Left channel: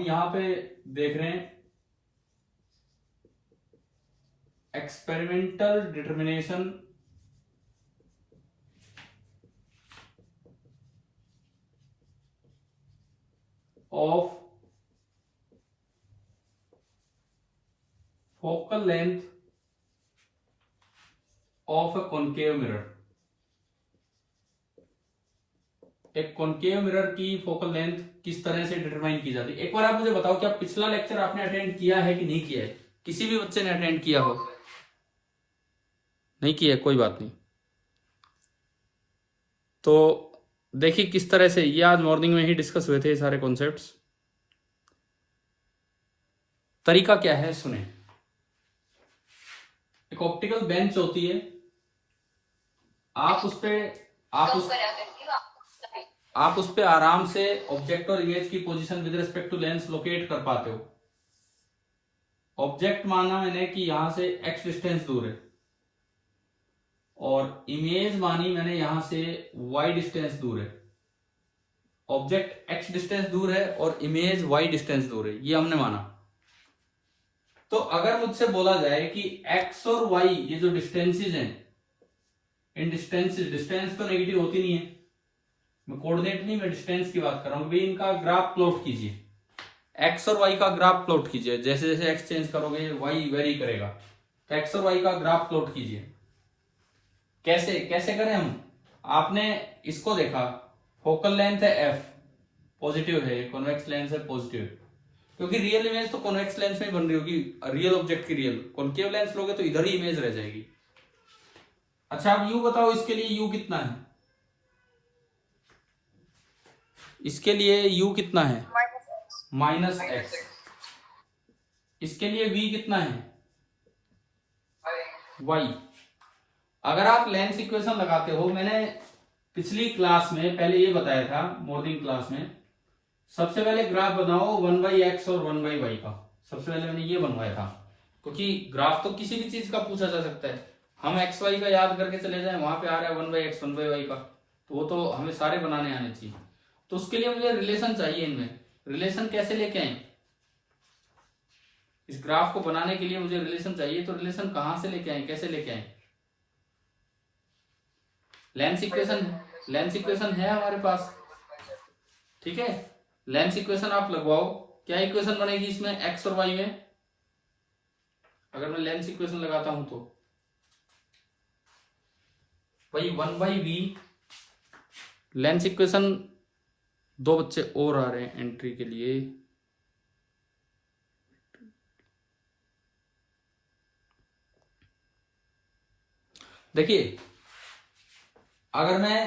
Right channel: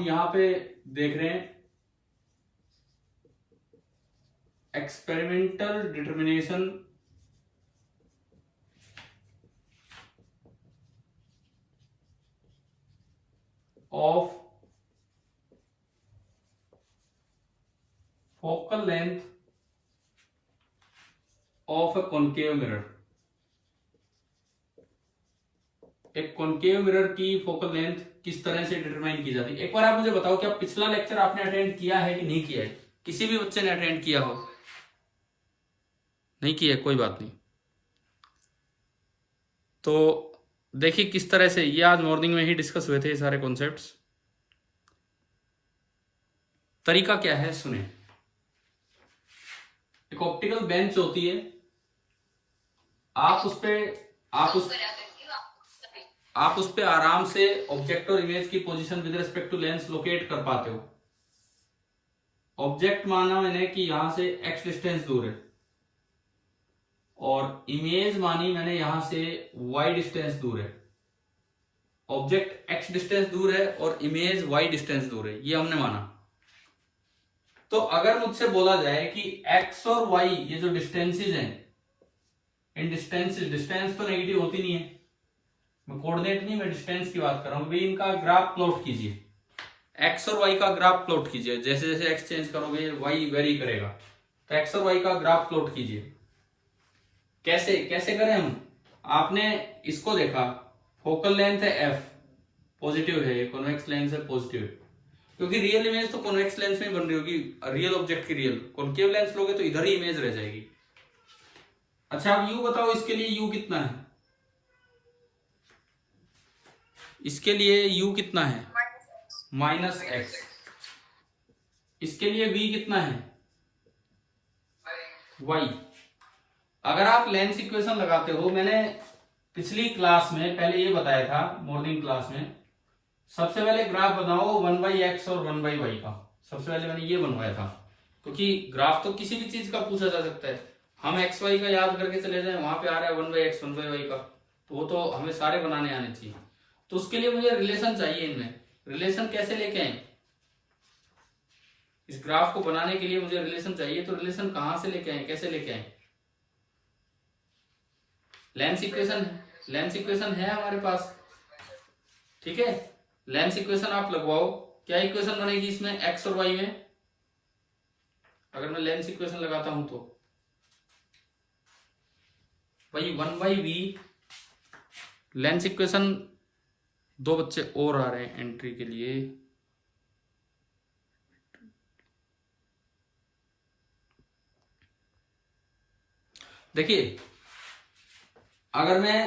हम यहां पे देख रहे हैं experimental determination of focal length of A concave mirror. एक कॉनकेव मिरर की फोकल लेंथ किस तरह से डिटरमाइन की जाती है। एक बार आप मुझे बताओ, क्या पिछला लेक्चर आपने अटेंड किया है कि नहीं किया है? किसी भी बच्चे ने अटेंड किया हो? नहीं किया, कोई बात नहीं। तो देखिए किस तरह से ये आज मॉर्निंग में ही डिस्कस हुए थे ये सारे कॉन्सेप्ट्स। तरीका क्या है सुने। एक ऑप्टिकल बेंच होती है, आप उस पे आराम से ऑब्जेक्ट और इमेज की position with respect to lens locate कर पाते हो। ऑब्जेक्ट माना मैंने कि यहां से x डिस्टेंस दूर है, और इमेज मानी मैंने यहां से y डिस्टेंस दूर है। ऑब्जेक्ट x डिस्टेंस दूर है और इमेज y डिस्टेंस दूर है, ये हमने माना। तो अगर मुझसे बोला जाए कि x और y ये जो डिस्टेंसेस हैं, इन डिस्टेंस तो नेगेटिव होती नहीं है, मैं कोऑर्डिनेट नहीं, मैं डिस्टेंस की बात कर रहा हूं। भाई इनका ग्राफ प्लॉट कीजिए, x और y का ग्राफ प्लॉट कीजिए। जैसे जैसे x चेंज करोगे y वेरी करेगा, तो x और y का ग्राफ प्लॉट कीजिए। कैसे कैसे करें हम? आपने इसको देखा, फोकल लेंथ है f, पॉजिटिव है, ये कॉन्वेक्स लेंस है पॉजिटिव, क्योंकि रियल इमेज तो कॉन्वेक्स लेंस में ही बन रही होगी, रियल ऑब्जेक्ट की रियल। कॉन्केव लेंस लोगे तो इधर ही इमेज रह जाएगी। अच्छा अब u बताओ, इसके लिए u कितना है? इसके लिए u कितना है? -x। इसके लिए v कितना है? y। अगर आप लेंस इक्वेशन लगाते हो, मैंने पिछली क्लास में पहले ये बताया था, मॉर्निंग क्लास में, सबसे पहले ग्राफ बनाओ 1/x और 1/y का। सबसे पहले मैंने ये बनवाया था, क्योंकि ग्राफ तो किसी भी चीज का पूछा जा सकता है। हम एक्स वाई का याद करके चले जाएं, वहां पे आ रहा है 1/x 1/y का, तो वो तो हमें सारे बनाने आने चाहिए। तो उसके लिए मुझे रिलेशन चाहिए। इनमें रिलेशन कैसे लेके आए? इस ग्राफ को बनाने के लिए मुझे रिलेशन चाहिए, तो रिलेशन कहां से लेके आए, कैसे लेके आए? लेंस इक्वेशन है हमारे पास, ठीक है। लेंस इक्वेशन आप लगवाओ, क्या इक्वेशन बनेगी इसमें एक्स और वाई में? अगर मैं लेंस इक्वेशन लगाता हूं तो भाई 1/v लेंस इक्वेशन। दो बच्चे और आ रहे हैं एंट्री के लिए, देखिए अगर मैं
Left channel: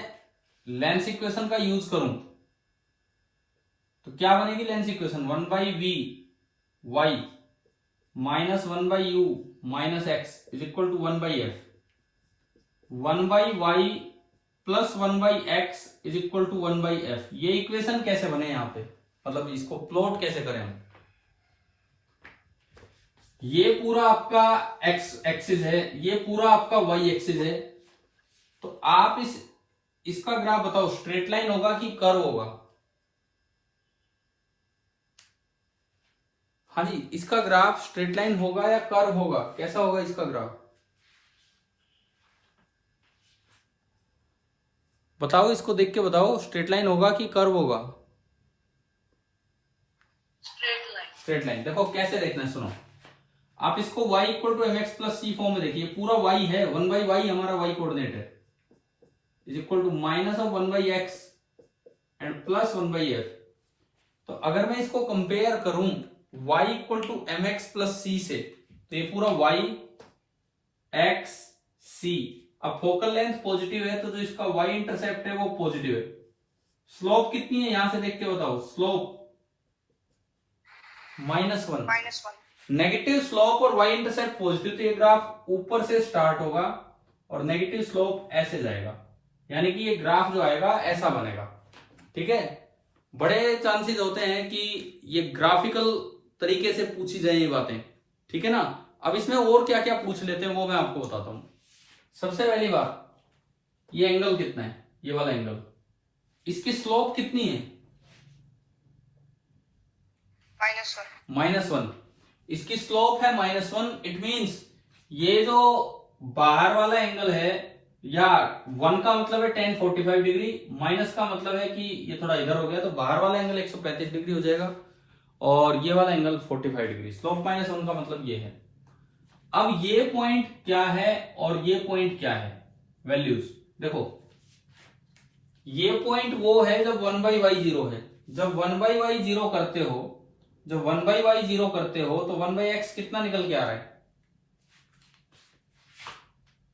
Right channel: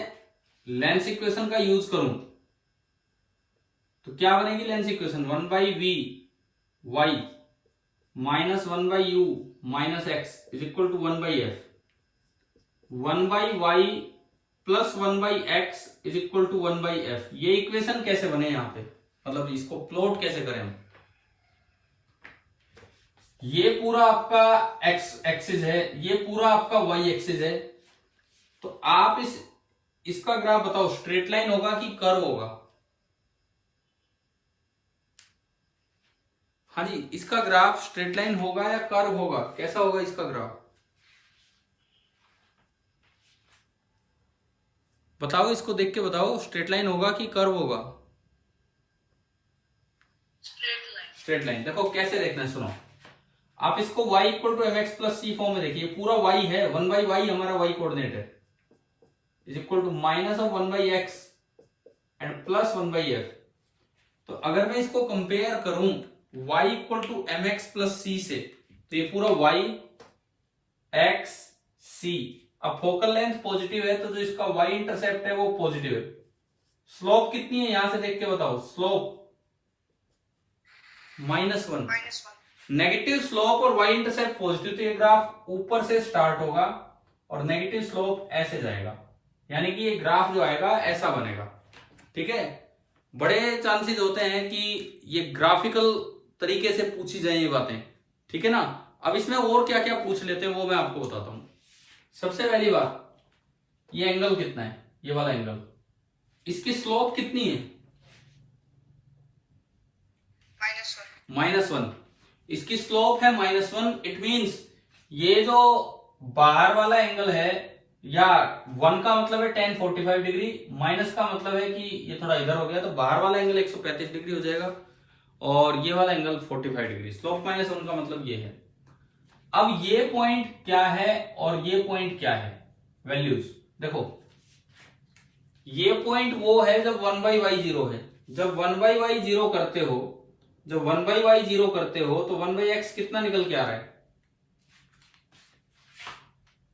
लेंस इक्वेशन का यूज करूं तो क्या बनेगी lens equation? 1/v y -1/u -x is equal to 1/f। 1/y plus 1/x is equal to 1/f। ये इक्वेशन कैसे बने यहां पे, मतलब इसको प्लॉट कैसे करें हम? ये पूरा आपका x एक्सिस है, ये पूरा आपका y एक्सिस है। तो आप इसका ग्राफ बताओ, स्ट्रेट लाइन होगा कि कर्व होगा? हाँ जी, इसका ग्राफ स्ट्रेट लाइन होगा या कर्व होगा? कैसा होगा इसका ग्राफ बताओ, इसको देख के बताओ, स्ट्रेट लाइन होगा कि कर्व होगा? Straight line. देखो कैसे देखना है, सुनो। आप इसको y equal to mx plus c form में देखिए, पूरा y है, 1/y हमारा y कोऑर्डिनेट है, is equal to minus of 1/x and plus 1/f। तो अगर मैं इसको कंपेयर करूं y equal to mx plus c से, तो ये पूरा y x c। अब फोकल लेंथ पॉजिटिव है, तो जो इसका y इंटरसेप्ट है वो पॉजिटिव है। स्लोप कितनी है यहां से देख के बताओ? स्लोप -1। नेगेटिव स्लोप और y इंटरसेप्ट पॉजिटिव, तो ये ग्राफ ऊपर से स्टार्ट होगा और नेगेटिव स्लोप ऐसे जाएगा, यानी कि ये ग्राफ जो आएगा ऐसा बनेगा, ठीक है। बड़े चांसेस होते हैं कि ये ग्राफिकल तरीके से पूछी जाए ये बातें, ठीक है ना। अब इसमें और क्या क्या पूछ लेते हैं वो मैं आपको बताता हूं। सबसे पहली बात, ये एंगल कितना है, ये वाला एंगल, इसकी स्लोप कितनी है? -1। इसकी स्लोप है -1। इट मीन्स ये जो बाहर वाला एंगल है, या 1 का मतलब है tan 45 डिग्री, माइनस का मतलब है कि ये थोड़ा इधर हो गया, तो बाहर वाला एंगल 135 डिग्री हो जाएगा और ये वाला एंगल 45 डिग्री। स्लोप -1 का मतलब ये है। अब ये पॉइंट क्या है और ये पॉइंट क्या है, वैल्यूज देखो। ये पॉइंट वो है जब 1/y0 है। जब 1/y0 करते हो, जब 1/y0 करते हो तो 1/x कितना निकल के आ रहा है?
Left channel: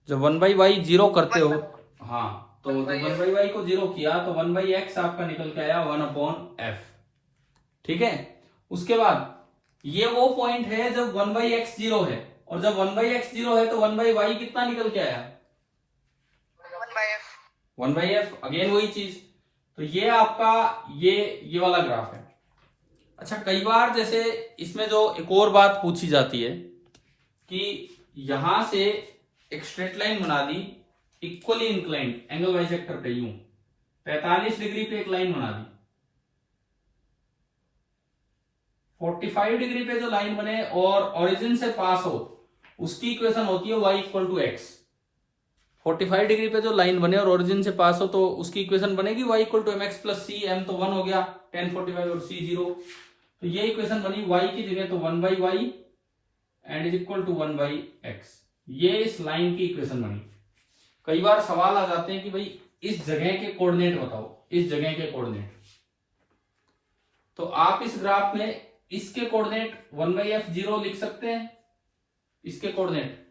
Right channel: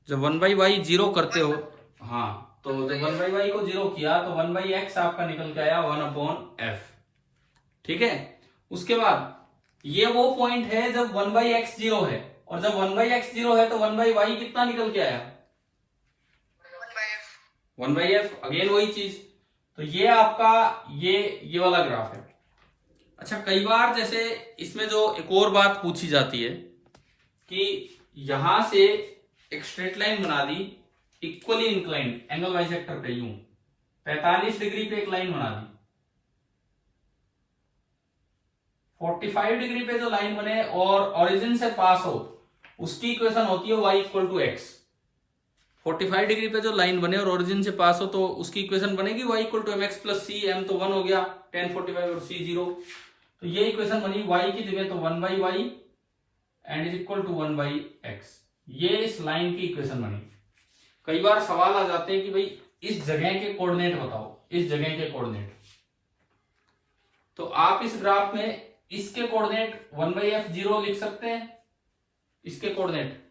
जब 1/y0 करते हो, हाँ, तो जब 1/y को 0 किया तो 1/x आपका निकल के आया 1/f। ठीक है। उसके बाद ये वो पॉइंट है जब 1/x 0 है, और जब 1/x 0 है तो 1/y कितना निकल के आया? 1/f। अगेन वही चीज। तो ये आपका ये वाला ग्राफ है। अच्छा, कई बार जैसे इसमें जो एक और बात पूछी जाती है कि यहां से एक स्ट्रेट लाइन बना दी, इक्वली इंक्लाइंड एंगल बाइसेक्टर पे, यूं 45 डिग्री पे एक लाइन बना दी, 45 डिग्री पे जो लाइन बने और ओरिजिन से पास हो, उसकी इक्वेशन होती है y = x। 45 डिग्री पे जो लाइन बने और ओरिजिन से पास हो तो उसकी इक्वेशन बनेगी y = mx + c। m तो 1 हो गया, tan 45 और c 0। तो ये इक्वेशन बनी y की जगह तो 1/y and is equal to 1/x। ये इस लाइन की इक्वेशन बनी। कई बार सवाल आ जाते हैं कि भाई इस जगह के कोऑर्डिनेट बताओ, इस जगह के कोऑर्डिनेट। तो आप इस ग्राफ में इसके कोऑर्डिनेट 1/f0 लिख सकते हैं, इसके कोऑर्डिनेट,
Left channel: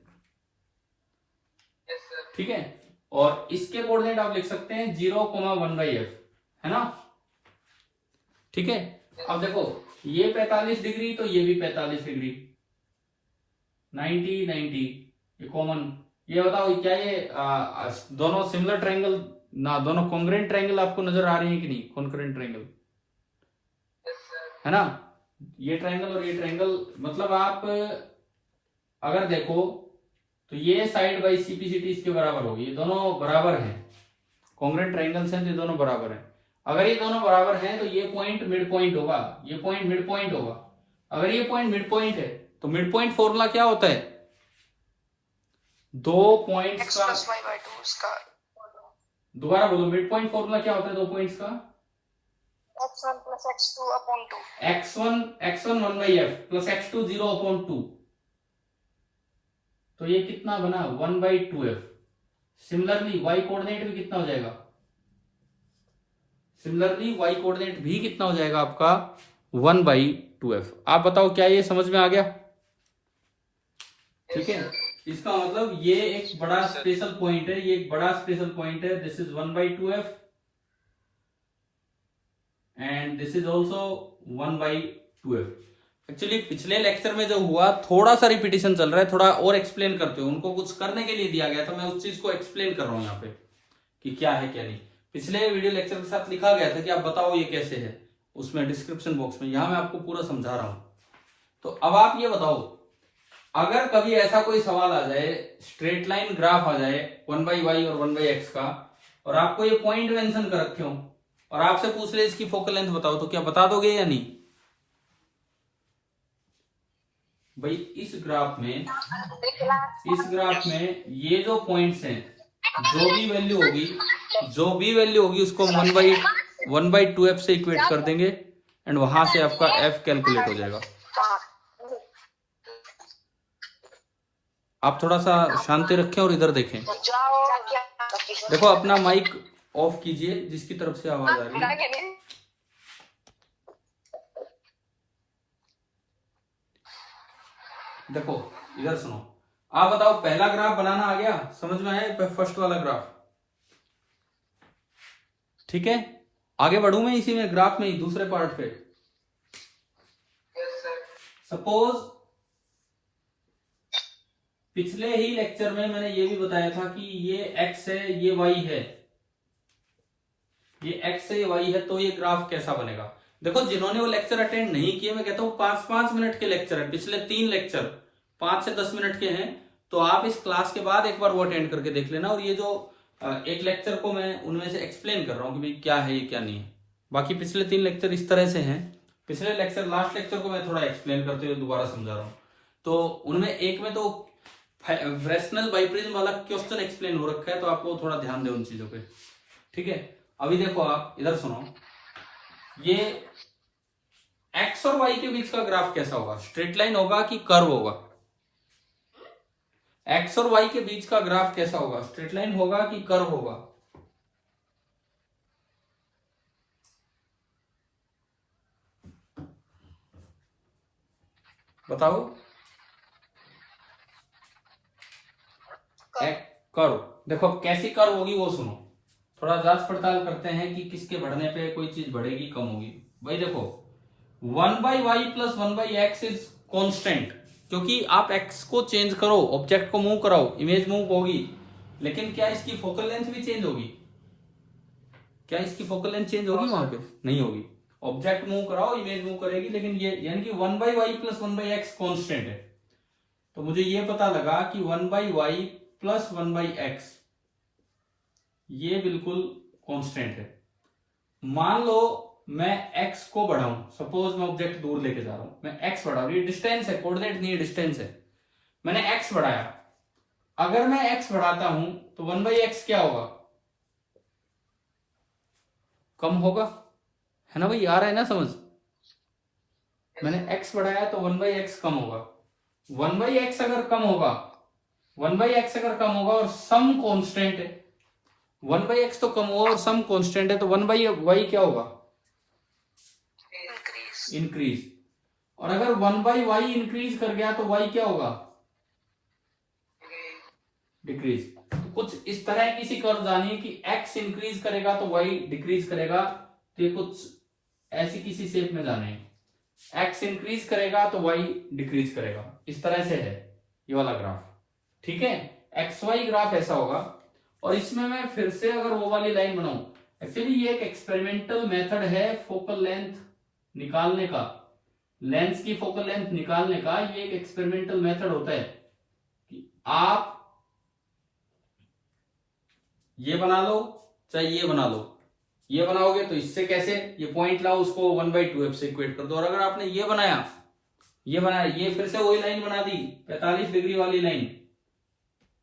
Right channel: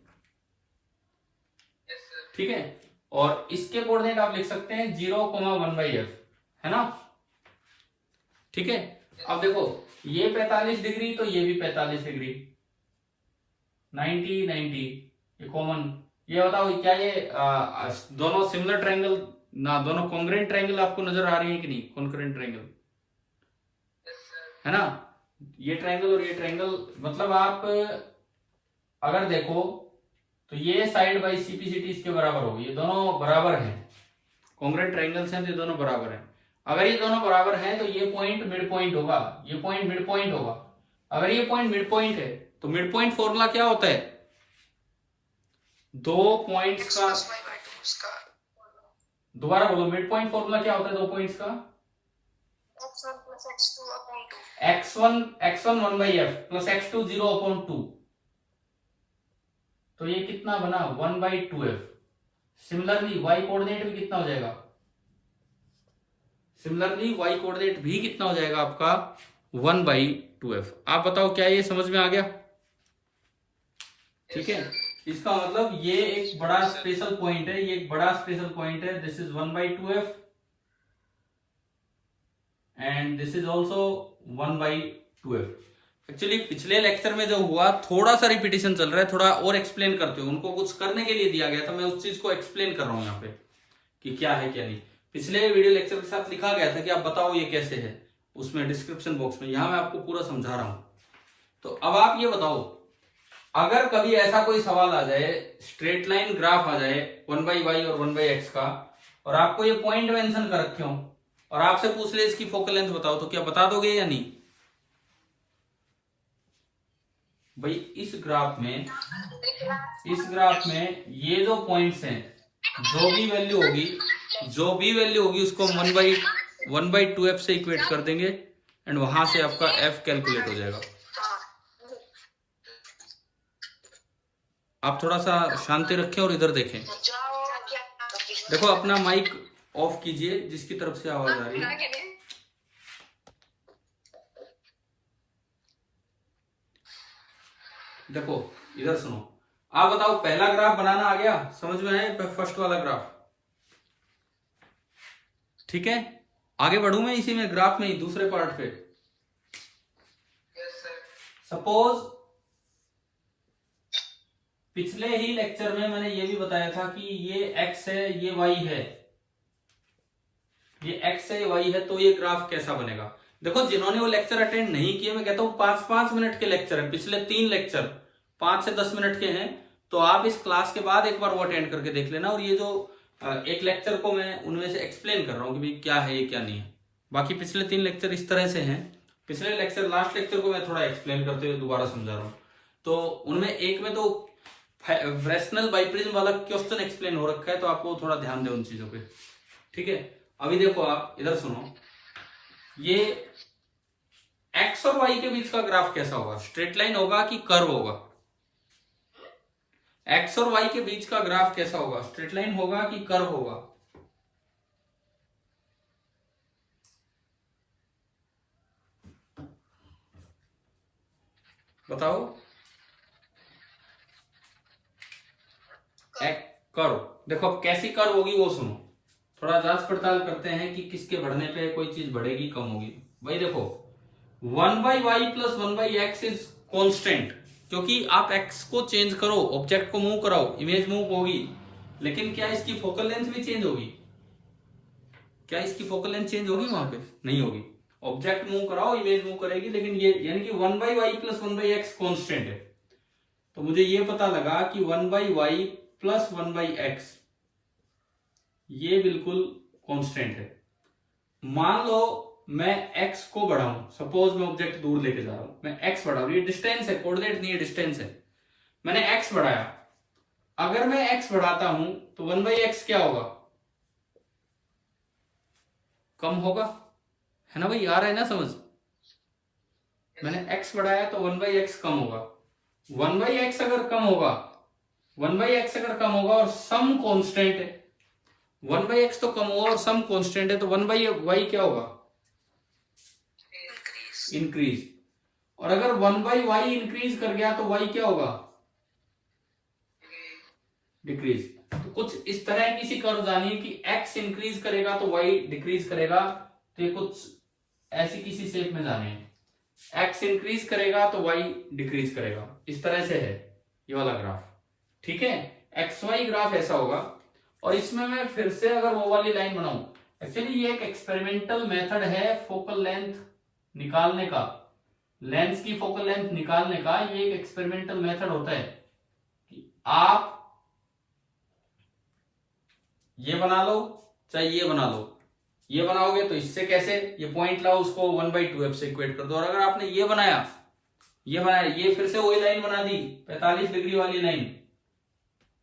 ठीक है। और इसके कोऑर्डिनेट आप लिख सकते हैं 0, 1/f, है ना। ठीक है। अब देखो ये 45 डिग्री तो ये भी 45 डिग्री, 90, 90, ये कॉमन। ये बताओ क्या ये दोनों सिमिलर ट्रायंगल ना, दोनों कॉन्ग्रुएंट ट्रायंगल आपको नजर आ रही है कि नहीं? कॉन्ग्रुएंट ट्रायंगल है ना। ये ट्रायंगल और ये ट्रायंगल, मतलब आप अगर देखो तो ये साइड बाई सीपीसीटी इसके बराबर होगी। ये दोनों बराबर हैं, कॉन्ग्रुएंट ट्रायंगल्स हैं तो ये दोनों बराबर हैं। अगर ये दोनों बराबर हैं तो ये पॉइंट मिड पॉइंट होगा, ये पॉइंट मिड पॉइंट होगा। अगर ये पॉइंट मिड पॉइंट है तो मिड पॉइंट फॉर्मूला क्या होता है? दो पॉइंट्स का, दोबारा बोलो, मिड पॉइंट फॉर्मूला क्या होता है दो पॉइंट्स का? x1 + x2/2। x1 1/f + x2 0/2। तो ये कितना बना? 1/2f। सिमिलरली y कोऑर्डिनेट भी कितना हो जाएगा? सिमिलरली y कोऑर्डिनेट भी कितना हो जाएगा आपका? 1/2f। आप बताओ क्या ये समझ में आ गया? ठीक है। इसका मतलब ये एक बड़ा स्पेशल पॉइंट है, ये एक बड़ा स्पेशल पॉइंट है। This is 1/2f and this is also 1/2f। Actually पिछले लेक्चर में जो हुआ, थोड़ा सा रिपीटिशन चल रहा है, थोड़ा और एक्सप्लेन करते हो। उनको कुछ करने के लिए दिया गया था, मैं उस चीज को एक्सप्लेन कर रहा हूं यहाँ पे कि क्या है क्या नहीं। पिछले वीडियो लेक्चर के साथ लिखा गया था कि आप बताओ ये कैसे है, उसमें डिस्क्रिप्शन बॉक्स में। यहां मैं आपको पूरा समझा रहा हूं। तो अब आप ये बताओ, अगर कभी ऐसा कोई सवाल आ जाए, स्ट्रेट लाइन ग्राफ आ जाए 1/y और 1/x का, और आपको ये पॉइंट मेंशन कर रखे हो और आपसे पूछ ले इसकी फोकल लेंथ बताओ, तो क्या बता दोगे या नहीं? भाई इस ग्राफ में ये जो पॉइंट्स हैं, जो भी वैल्यू होगी उसको 1/2f से इक्वेट कर देंगे एंड वहां से आपका f कैलकुलेट हो जाएगा। आप थोड़ा सा शांति रखें और इधर देखें। देखो अपना माइक ऑफ कीजिए जिसकी तरफ से आवाज आ रही है। देखो इधर सुनो, आप बताओ पहला ग्राफ बनाना आ गया? समझ में आया फर्स्ट वाला ग्राफ? ठीक है, आगे बढ़ू मैं इसी में, ग्राफ में ही दूसरे पार्ट पे। सपोज पिछले ही लेक्चर में मैंने ये भी बताया था कि ये x है, ये y है, ये x है, ये y है, तो ये ग्राफ कैसा बनेगा? देखो जिन्होंने वो लेक्चर अटेंड नहीं किए, मैं कहता हूं 5-5 मिनट के लेक्चर है, पिछले 3 लेक्चर 5 से 10 मिनट के हैं, तो आप इस क्लास के बाद एक बार वो अटेंड करके देख लेना। और ये जो एक लेक्चर को मैं उनमें से एक्सप्लेन कर रहा हूं कि भाई क्या है ये क्या नहीं है। बाकी पिछले 3 लेक्चर इस तरह से हैं, पिछले लेक्चर लास्ट लेक्चर को मैं थोड़ा एक्सप्लेन करते हुए दोबारा समझा रहा हूँ। तो उनमें एक में तो फ्रेस्नेल बाइप्रिज्म वाला क्वेश्चन एक्सप्लेन हो रखा है, तो आपको थोड़ा ध्यान दे उन चीजों पे, ठीक है। अभी देखो आप इधर सुनो, ये एक्स और वाई के बीच का ग्राफ कैसा होगा, स्ट्रेट लाइन होगा कि कर्व होगा? एक्स और वाई के बीच का ग्राफ कैसा होगा, स्ट्रेट लाइन होगा कि कर्व होगा? बताओ। कर्व। देखो कैसी कर्व होगी वो सुनो, थोड़ा जांच पड़ताल करते हैं कि किसके बढ़ने पे कोई चीज बढ़ेगी कम होगी। भाई देखो 1/y plus 1/x is constant, क्योंकि आप x को चेंज करो, ऑब्जेक्ट को मूव कराओ, इमेज मूव होगी, लेकिन क्या इसकी फोकल लेंथ भी चेंज होगी? क्या इसकी फोकल लेंथ चेंज होगी? वहां पे नहीं होगी। ऑब्जेक्ट मूव कराओ, इमेज मूव करेगी, लेकिन ये यानी कि 1/y प्लस 1/x कॉन्स्टेंट है। तो मुझे ये पता लगा कि 1/y प्लस 1/x ये बिल्कुल कांस्टेंट है। मान लो मैं x को बढ़ाऊं, सपोज मैं ऑब्जेक्ट दूर लेके जा रहा हूं, मैं x बढ़ा रहा हूं, ये डिस्टेंस है, कोऑर्डिनेट नहीं है, डिस्टेंस है। मैंने x बढ़ाया, अगर मैं x बढ़ाता हूं तो 1/x क्या होगा? कम होगा, है ना भाई? आ रहा है ना समझ? मैंने x बढ़ाया तो 1/x कम होगा। 1/x अगर कम होगा, 1/x अगर कम होगा और सम कांस्टेंट है, 1/x तो कम होगा और सम कांस्टेंट है, तो 1/y क्या होगा? इंक्रीज। और अगर 1/y इंक्रीज कर गया तो y क्या होगा? डिक्रीज। तो कुछ इस तरह की सी कर्व जानिए कि x इंक्रीज करेगा तो y डिक्रीज करेगा, तो ये कुछ ऐसी किसी शेप में जाने हैं। x इंक्रीज करेगा तो y डिक्रीज करेगा, इस तरह से है ये वाला ग्राफ, ठीक है। XY ग्राफ ऐसा होगा। और इसमें मैं फिर से अगर वो वाली लाइन बनाऊं, एक्चुअली ये एक एक्सपेरिमेंटल मेथड है फोकल लेंथ निकालने का, लेंस की फोकल लेंथ निकालने का। ये एक एक्सपेरिमेंटल मेथड होता है कि आप ये बना लो चाहे ये बना लो, ये बनाओगे तो इससे कैसे, ये पॉइंट लाओ, उसको 1/2f से इक्वेट कर दो। और अगर आपने ये बनाया, ये फिर से वही लाइन बना दी, 45 डिग्री वाली लाइन,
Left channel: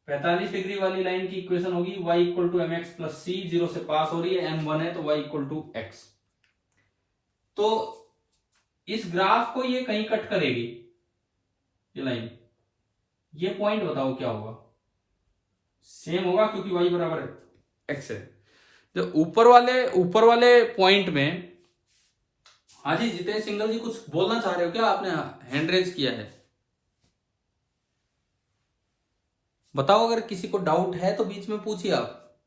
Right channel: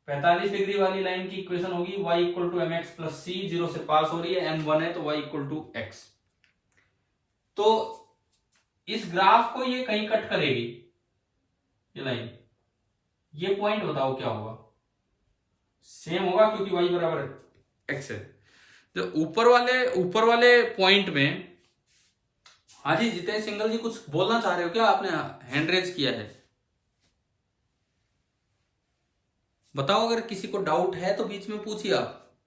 45 डिग्री वाली लाइन की इक्वेशन होगी y equal to mx plus c, 0 से पास हो रही है, m1 है तो y इक्वल टू x। तो इस ग्राफ को ये कहीं कट करेगी ये लाइन, ये पॉइंट बताओ क्या होगा? सेम होगा क्योंकि y बराबर x है। तो ऊपर वाले पॉइंट में, हाँ जी जितेश सिंगल जी कुछ बोलना चाह रहे हो क्या? आपने हैंड रेज किया है, बताओ। अगर किसी को डाउट है तो बीच में पूछिए आप।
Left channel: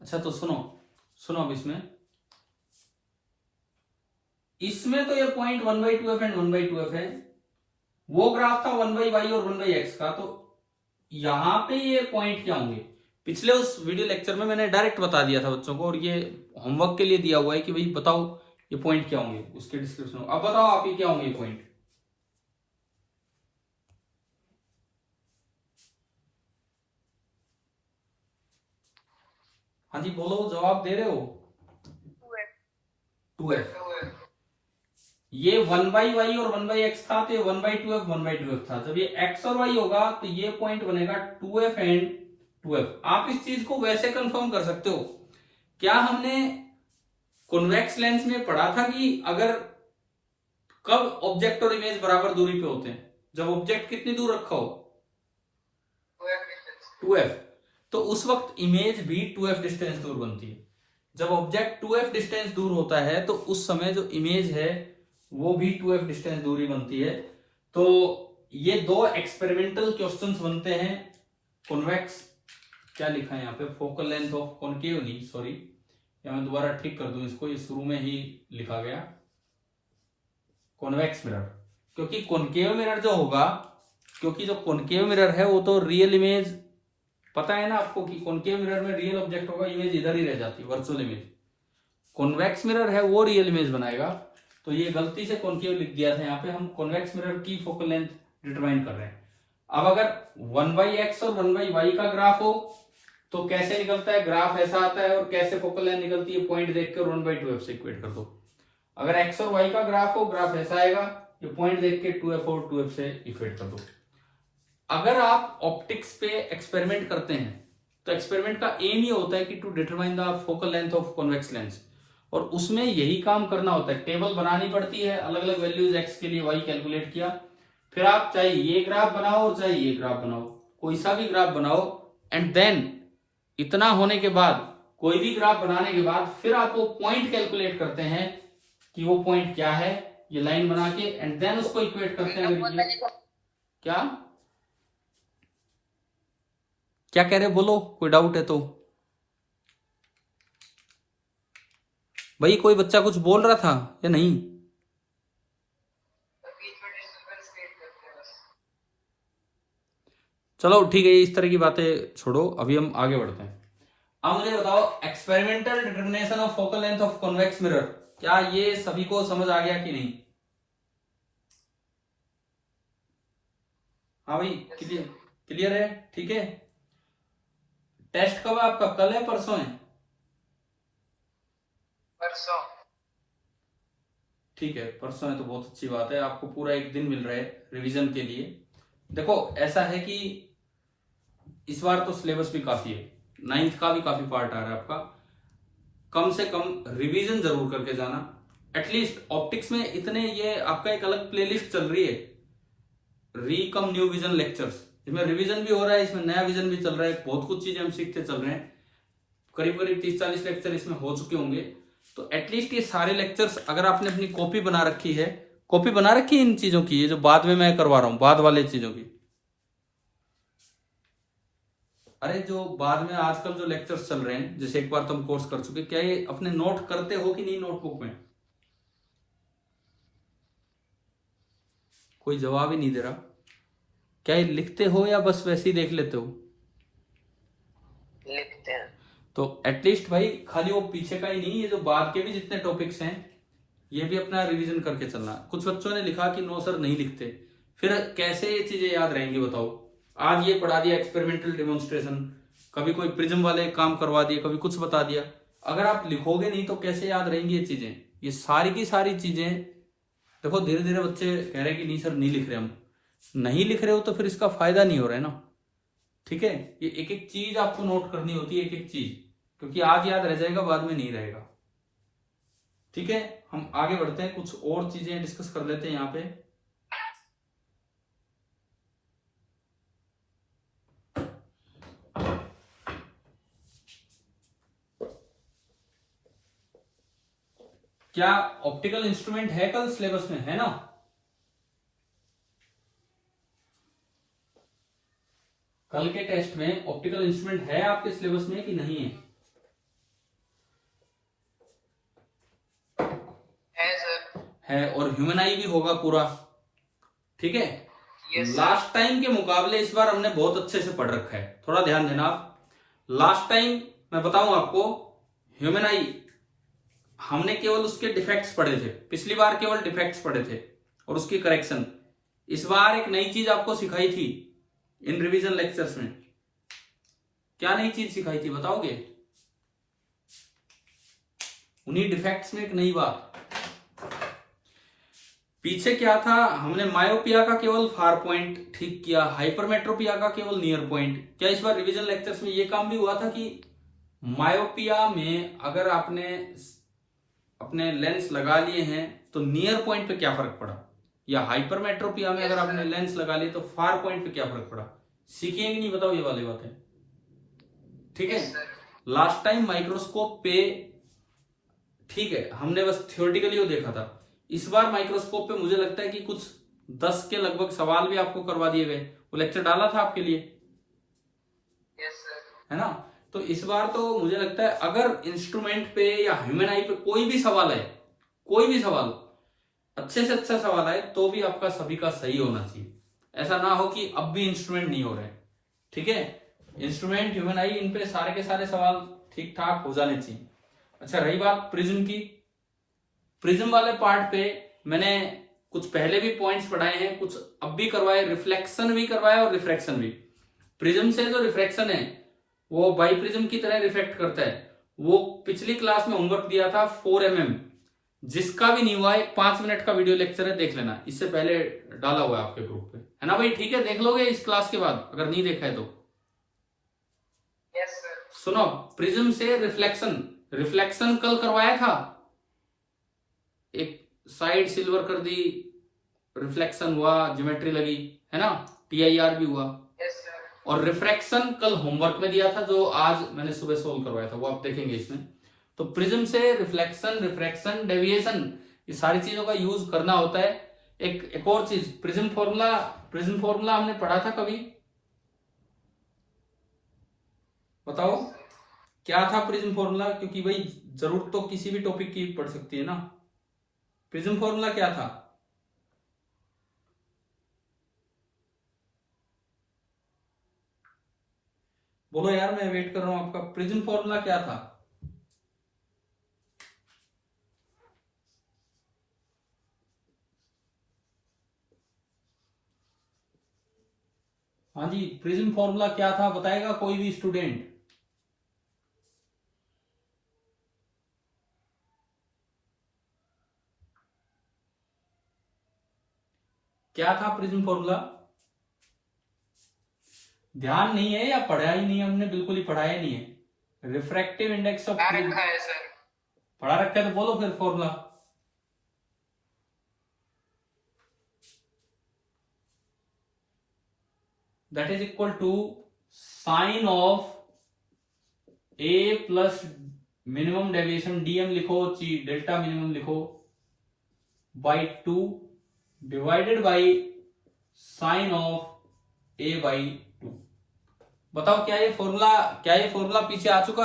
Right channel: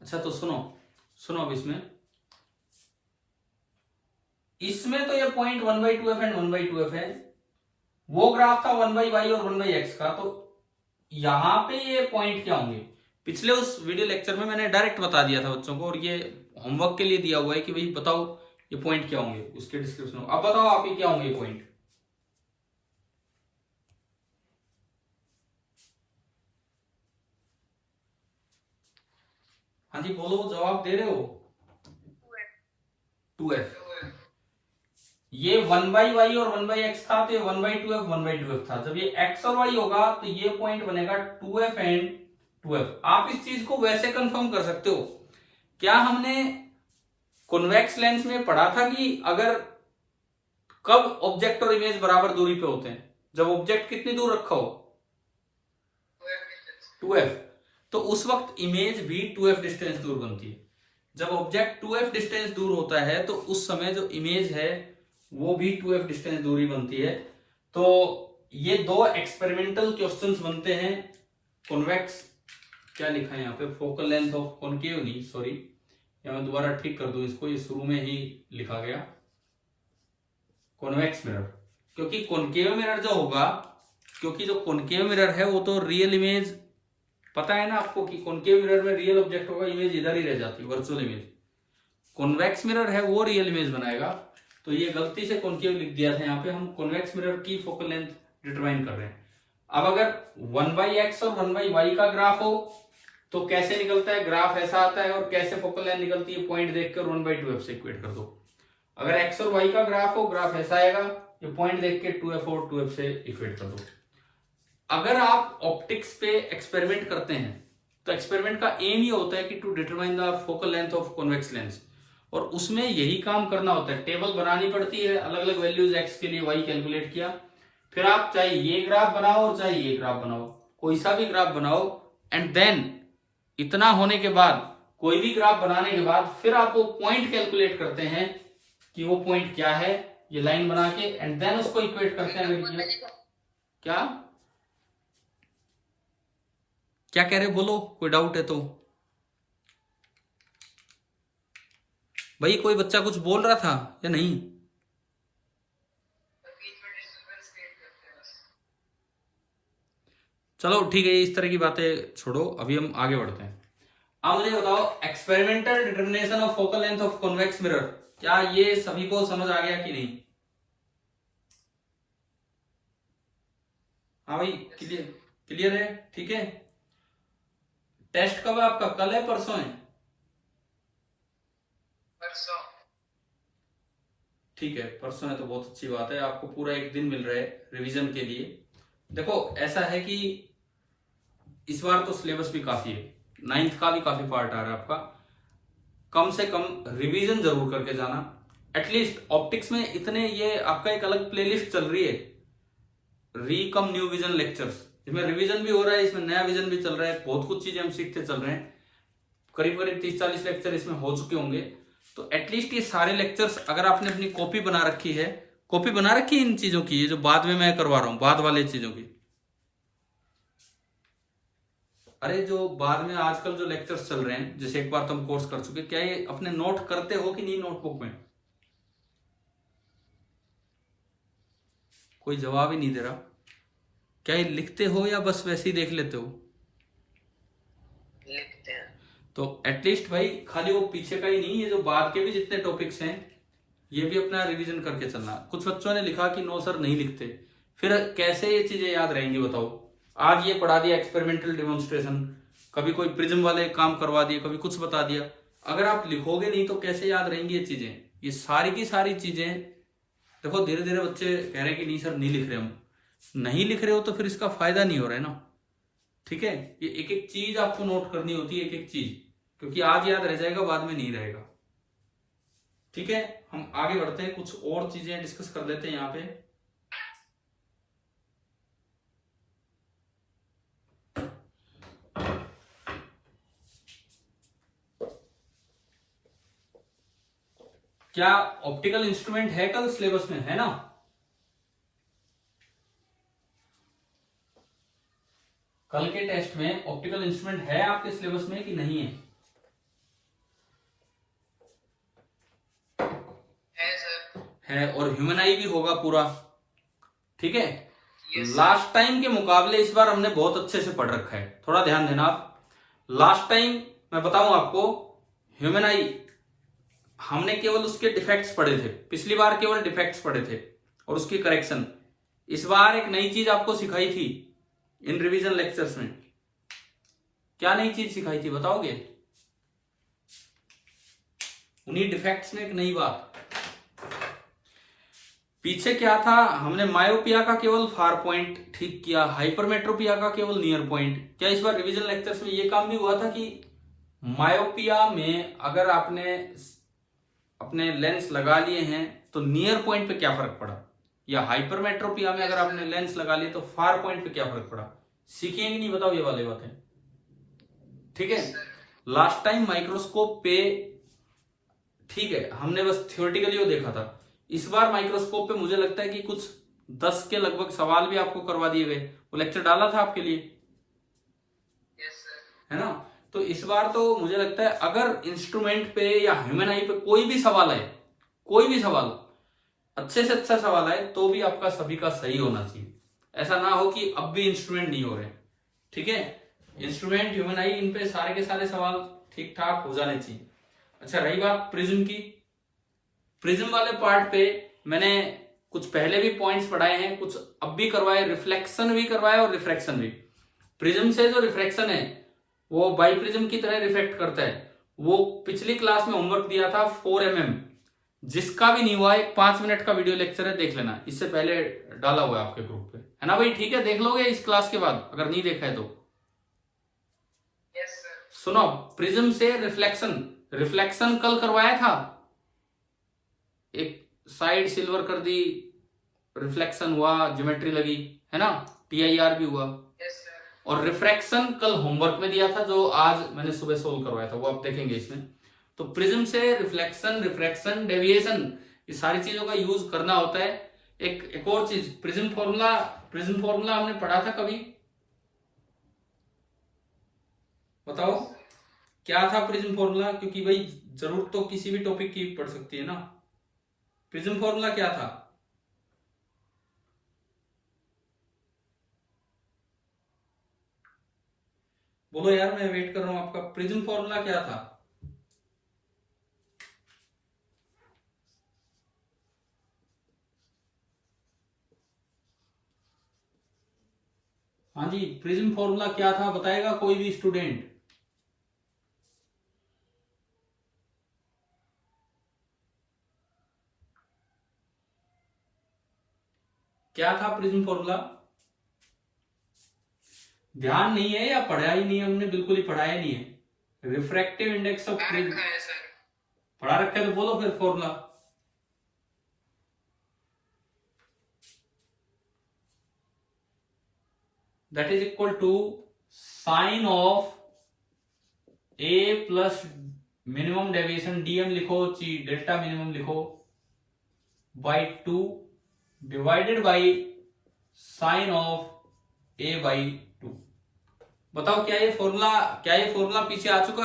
अच्छा तो सुनो अब इसमें तो ये पॉइंट 1/2f एंड 1/2f है, वो ग्राफ था 1/y और 1/x का, तो यहां पे ये पॉइंट क्या होंगे? पिछले उस वीडियो लेक्चर में मैंने डायरेक्ट बता दिया था बच्चों को, और ये होमवर्क के लिए दिया हुआ है कि भाई बताओ ये पॉइंट क्या होंगे, उसके डिस्क्रिप्शन में। अब बताओ आप ये क्या होंगे पॉइंट? हाँ जी बोलो, जवाब दे रहे हो? 2f। ये 1/y और 1/x था, तो 1/2f 1/2f था। जब ये x और y होगा तो ये पॉइंट बनेगा 2f एंड 2f। आप इस चीज को वैसे कंफर्म कर सकते हो, क्या हमने कॉन्वेक्स लेंस में पढ़ा था कि अगर कब ऑब्जेक्ट और इमेज बराबर दूरी पे होते हैं? जब ऑब्जेक्ट कितनी दूर रखा हो? 2f। तो उस वक्त इमेज भी 2f डिस्टेंस दूर बनती है। जब ऑब्जेक्ट 2f डिस्टेंस दूर होता है तो उस समय जो इमेज है वो भी 2f डिस्टेंस दूरी बनती है। तो ये दो एक्सपेरिमेंटल क्वेश्चंस बनते हैं। कॉन्वेक्स, क्या लिखा है यहाँ पे? फोकल लेंथ ऑफ कॉनकेव नहीं, सॉरी, या मैं दोबारा ठीक कर दूं इसको, ये शुरू में ही लिखा गया कॉन्वेक्स मिरर, क्योंकि कॉनकेव मिरर जो होगा, क्योंकि जो कॉनकेव मिरर है वो तो रियल इमेज, पता है ना आपको कि कॉनकेव मिरर में रियल ऑब्जेक्ट होगा, इमेज इधर ही रह जाती है, वर्चुअल इमेज। कॉन्वेक्स मिरर है वो रियल इमेज बनाएगा। तो ये गलती से कॉनकेव लिख दिया था यहाँ पे, हम कॉन्वेक्स मिरर की फोकल लेंथ डिटरमाइन कर रहे हैं। अब अगर 1/x और 1/y का ग्राफ हो तो कैसे निकलता है ग्राफ? ऐसा आता है। और कैसे फोकल लेंथ निकलती है? पॉइंट देख कर 1/2f से इक्वेट कर दो। अगर एक्स और वाई का ग्राफ हो, ग्राफ ऐसा आएगा, ये पॉइंट देख के 2f और 2f से इक्वेट कर दो। अगर आप ऑप्टिक्स पे एक्सपेरिमेंट करते हैं तो एक्सपेरिमेंट का एम ये होता है कि to determine the focal length of convex lens, और उसमें यही काम करना होता है, टेबल बनानी पड़ती है, अलग अलग वैल्यूज एक्स के लिए वाई कैलकुलेट किया, फिर आप चाहे ये ग्राफ बनाओ और चाहे ये ग्राफ बनाओ, कोई सा भी ग्राफ बनाओ, एंड देन इतना होने के बाद, कोई भी ग्राफ बनाने के बाद फिर आप वो पॉइंट कैलकुलेट करते हैं कि वो पॉइंट क्या है, ये लाइन बना के, एंड देन उसको इक्वेट करते हैं। क्या क्या कह रहे, बोलो, कोई डाउट है तो। भाई कोई बच्चा कुछ बोल रहा था या नहीं? चलो ठीक है, इस तरह की बातें छोड़ो, अभी हम आगे बढ़ते हैं। अब मुझे बताओ, experimental determination of focal length of convex mirror, क्या ये सभी को समझ आ गया कि नहीं? हाँ भाई, क्लियर है, ठीक है। टेस्ट कब है आपका, कल है परसों है? परसों। ठीक है, परसों है तो बहुत अच्छी बात है, आपको पूरा एक दिन मिल रहा है रिवीजन के लिए। देखो ऐसा है कि इस बार तो सिलेबस भी काफी है, 9th का भी काफी पार्ट आ रहा है आपका, कम से कम रिवीजन जरूर करके जाना। एटलीस्ट ऑप्टिक्स में इतने, ये आपका एक अलग प्लेलिस्ट चल रही है, रीकम न्यू विजन लेक्चर्स, इसमें रिवीजन भी हो रहा है, इसमें नया विजन भी चल रहा है, बहुत कुछ चीजें हम सीखते चल रहे हैं, करीब करीब 30-40 लेक्चर इसमें हो चुके होंगे। तो एटलीस्ट ये सारे लेक्चर्स अगर आपने अपनी कॉपी बना रखी है, कॉपी बना रखी है इन चीजों की, ये जो बाद में मैं करवा रहा हूं, बाद वाले चीजों की, अरे जो बाद में आजकल जो लेक्चर्स चल रहे हैं, जैसे एक बार तुम कोर्स कर चुके, क्या ये अपने नोट करते हो कि नहीं नोटबुक में? कोई जवाब ही नहीं दे रहा। क्या ये लिखते हो या बस वैसे ही देख लेते हो? लिखते हैं। तो एटलीस्ट भाई खाली वो पीछे का ही नहीं, ये जो बाद के भी जितने टॉपिक्स हैं ये भी अपना रिवीजन करके चलना। कुछ बच्चों ने लिखा कि नो सर नहीं लिखते, फिर कैसे ये चीजें याद रहेंगी बताओ? आज ये पढ़ा दिया एक्सपेरिमेंटल डेमोन्स्ट्रेशन, कभी कोई प्रिज्म वाले काम करवा दिए, कभी कुछ बता दिया, अगर आप लिखोगे नहीं तो कैसे याद रहेंगी ये चीजें? ये सारी की सारी चीजें, देखो धीरे धीरे बच्चे कह रहे हैं कि नहीं सर नहीं लिख रहे, हम नहीं लिख रहे हो तो फिर इसका फायदा नहीं हो रहा है ना, ठीक है। ये एक एक चीज आपको नोट करनी होती है, एक एक चीज, क्योंकि आज याद रह जाएगा, बाद में नहीं रहेगा, ठीक है। हम आगे बढ़ते हैं, कुछ और चीजें डिस्कस कर लेते हैं यहाँ पे। क्या ऑप्टिकल इंस्ट्रूमेंट है कल सिलेबस में, है ना? कल के टेस्ट में ऑप्टिकल इंस्ट्रूमेंट है आपके सिलेबस में कि नहीं है? सर है, और ह्यूमन आई भी होगा पूरा, ठीक है। लास्ट टाइम के मुकाबले इस बार हमने बहुत अच्छे से पढ़ रखा है, थोड़ा ध्यान देना आप। लास्ट टाइम मैं बताऊं आपको, ह्यूमन आई हमने केवल उसके डिफेक्ट्स पढ़े थे, पिछली बार केवल डिफेक्ट्स पढ़े थे और उसकी करेक्शन। इस बार एक नई चीज आपको सिखाई थी इन रिवीजन लेक्चर्स में। क्या नई चीज सिखाई थी बताओगे? उन्हीं डिफेक्ट्स में एक नई बात। पीछे क्या था, हमने मायोपिया का केवल फार पॉइंट ठीक किया, हाइपरमेट्रोपिया का केवल नियर पॉइंट। क्या इस बार रिवीजन लेक्चर्स में यह काम भी हुआ था कि मायोपिया में अगर आपने अपने लेंस लगा लिए हैं तो नियर पॉइंट पे क्या फर्क पड़ा, या हाइपरमेट्रोपिया में अगर आपने लेंस लगा लिए तो फार पॉइंट पे क्या फर्क पड़ा? सीखेंगे नहीं, बताओ ये वाली बातें, ठीक है। लास्ट टाइम माइक्रोस्कोप पे, ठीक है, हमने बस थियोरेटिकली वो देखा था। इस बार माइक्रोस्कोप पे मुझे लगता है कि कुछ 10 के लगभग सवाल भी आपको करवा दिए गए, वो लेक्चर डाला था आपके लिए, है ना। तो इस बार तो मुझे लगता है अगर इंस्ट्रूमेंट पे या ह्यूमन आई पे कोई भी सवाल है, कोई भी सवाल अच्छे से अच्छा सवाल आए तो भी आपका सभी का सही होना चाहिए। ऐसा ना हो कि अब भी इंस्ट्रूमेंट नहीं हो रहे, ठीक है। इंस्ट्रूमेंट, ह्यूमन आई, इन पे सारे के सारे सवाल ठीक ठाक हो जाने चाहिए। अच्छा, रही बात प्रिज्म की, प्रिज्म वाले पार्ट पे मैंने कुछ पहले भी पॉइंट्स पढ़ाए हैं, कुछ अब भी करवाए, रिफ्लेक्शन भी करवाए और रिफ्रैक्शन भी। प्रिज्म से जो रिफ्रैक्शन है वो बाई प्रिज्म की तरह रिफ्लेक्ट करता है, वो पिछली क्लास में होमवर्क दिया था 4 mm, जिसका भी नहीं हुआ, एक 5 मिनट का वीडियो लेक्चर है, देख लेना, इससे पहले डाला हुआ है आपके ग्रुप पे, है ना भाई? ठीक है, देख लोगे इस क्लास के बाद अगर नहीं देखा है तो। Yes, sir. सुनो, प्रिज्म से रिफ्लेक्शन, रिफ्लेक्शन कल करवाया था, एक साइड सिल्वर कर दी, रिफ्लेक्शन हुआ, ज्योमेट्री लगी, है ना, TIR भी हुआ। Yes, sir. और रिफ्रैक्शन कल होमवर्क में दिया था, जो आज मैंने सुबह सोल्व करवाया था, वो आप देखेंगे इसमें। तो प्रिज्म से रिफ्लेक्शन, रिफ्रैक्शन, डेविएशन, ये सारी चीजों का यूज करना होता है। एक और चीज, प्रिज्म फॉर्मूला, प्रिज्म फॉर्मूला हमने पढ़ा था कभी? बताओ क्या था प्रिज्म फॉर्मूला, क्योंकि भाई जरूरत तो किसी भी टॉपिक की पड़ सकती है ना। प्रिज्म फॉर्मूला क्या था? बोलो यार, मैं वेट कर रहा हूं आपका। प्रिज्म फॉर्मूला क्या था? हाँ जी, प्रिज्म फॉर्मूला क्या था, बताएगा कोई भी स्टूडेंट? क्या था प्रिज्म फॉर्मूला? ध्यान नहीं है या पढ़ा ही नहीं है? हमने बिल्कुल ही पढ़ाया नहीं है। रिफ्रैक्टिव इंडेक्स ऑफ पढ़ा प्रिज्म रखा है सर। पढ़ा रखा है, तो बोलो फिर formula. That is equal to sine of A plus minimum deviation, DM लिखो, डेल्टा मिनिमम लिखो, by 2 divided by sine of A by 2। बताओ क्या ये फॉर्मूला पीछे आ चुका?